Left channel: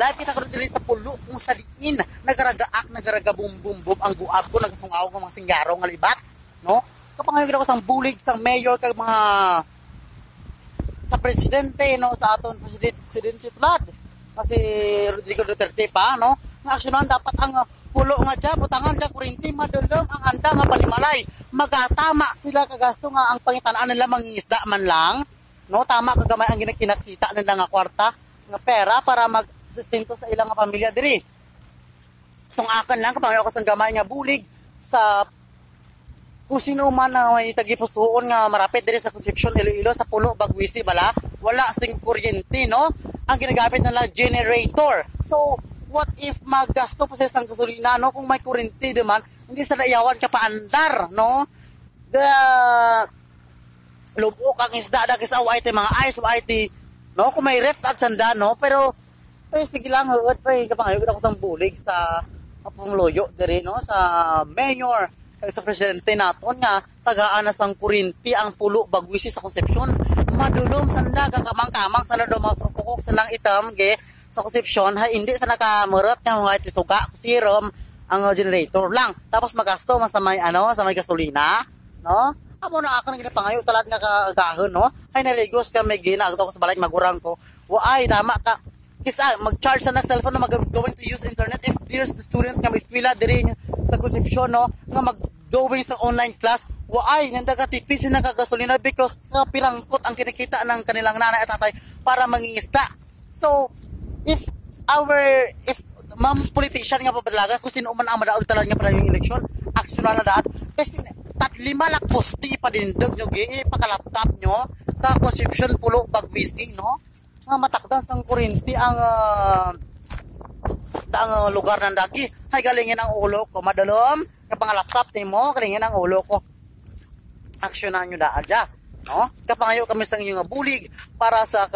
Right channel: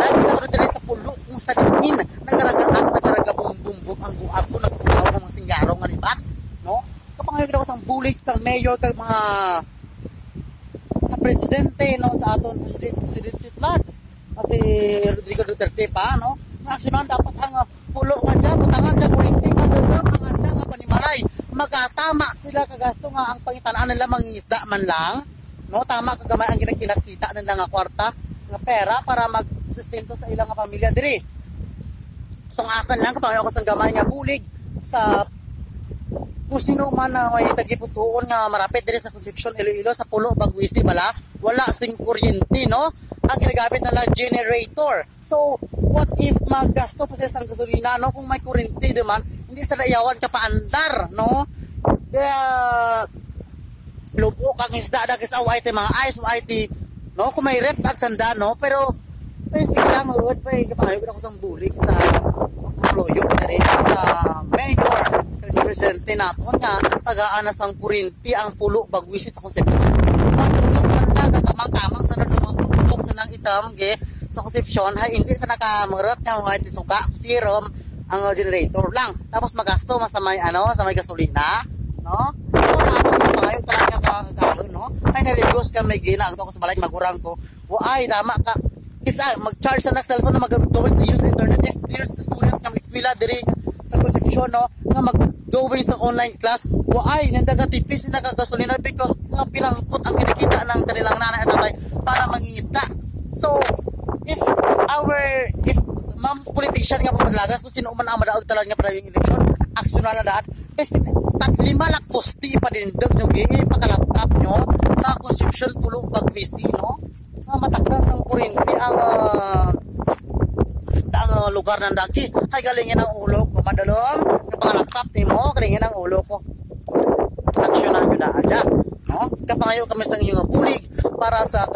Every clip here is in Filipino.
Lahat pinagdiri sa pulo kung sa diin nagaragabumbum ang guab ko nagsukaw ng mga singgaro nga libat, no? Kapangayon ko sang bulig sang mayor kag mga sa presidente, no, sa aton presidente Vlad kasi Rodrigo Duterte pa, no, nga aksyonan dapat ang pulo nga dyan, butangan da kurinting nga dagdag ang anda nga palimalay magatama sila kagasto nga ang pangitanaan nila mangingisda man lang, no, tama kagamay ang ginakita nila nga kwarta nga pera para magsustento sa ilang nga pamilya diri. So ang akin lang kapangayon ko sang gamay nga bulig sa kung sino man na may tagipusoon nga marapit diri sa Concepcion Iloilo sa pulo Bagwisi bala wala sing kuryente, no, ang ginagamit nila generator. So what if maggasto pa sa gasolina, no, kung may kuryente naman hindi sa dayawan ka paandar, no, lubok ang isda da kasi away mga ice away no, kung may ref at sanda, no, pero sige lang huwag pa kapangayon ako sang bulig sa Pangloyo diri sa mayor kag sa presidente naton nga tagaan na sang kuryente ang pulo Bagwisi sa Concepcion. Madulong sanda kamang-kamang sana do makapukok sa lang itam ge sa Concepcion hay hindi sa nakamurot nga mga itisuka serum ang generator lang tapos magasto sa may sa may gasolina, no, ora ako pangayo talaga kagahon, no, ay naligos ka may gina ato ko sa balay magurang ko waay tama ka kisa mag-charge sa cellphone na mag-going to use internet if there's the student nga eskwela diri sa Concepcion, no, nga mag-going sa online class waay nandaga tipis na kagasolina because nga pilangkot ang kinikita ng kanilang nanay at tatay para mangingisda. So if ma'am politician nga papadalagan kung sino man ang madaog talan nga para yung eleksyon aksyon na daat kasi 5 lak posti pa dindag nyo pakalaptop nyo sa Concepcion pulo Bagwisi, no, nga matakdan sang kuryente ang lugar ng daki hay galingin ang ulo ko madalom nga pangalaptop nimo galingin ang ulo ko aksyonan nyo daada, no, kapangayo kami sang inyong bulig para sa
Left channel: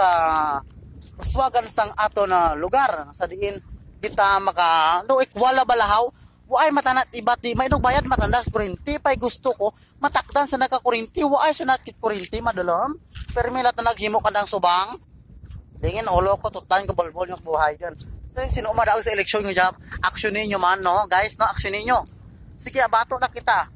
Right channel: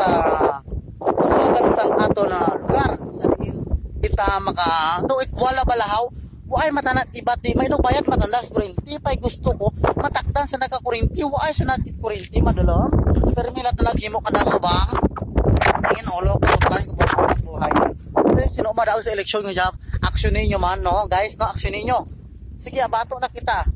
swagan sang ato na lugar sa diin kita maka wala balahaw waay matanat ibati may bayad matanda kuryente pay gusto ko matakdan sa nakakuryente waay sa nakit kuryente madalom permila tanag himo ka na subang tingin ulo ko tutan ko balkon ng buhay yan. Kasi sino madaog sa eleksyon nyo dyan aksyonin nyo man, no, guys, no, aksyonin nyo sige abato na kita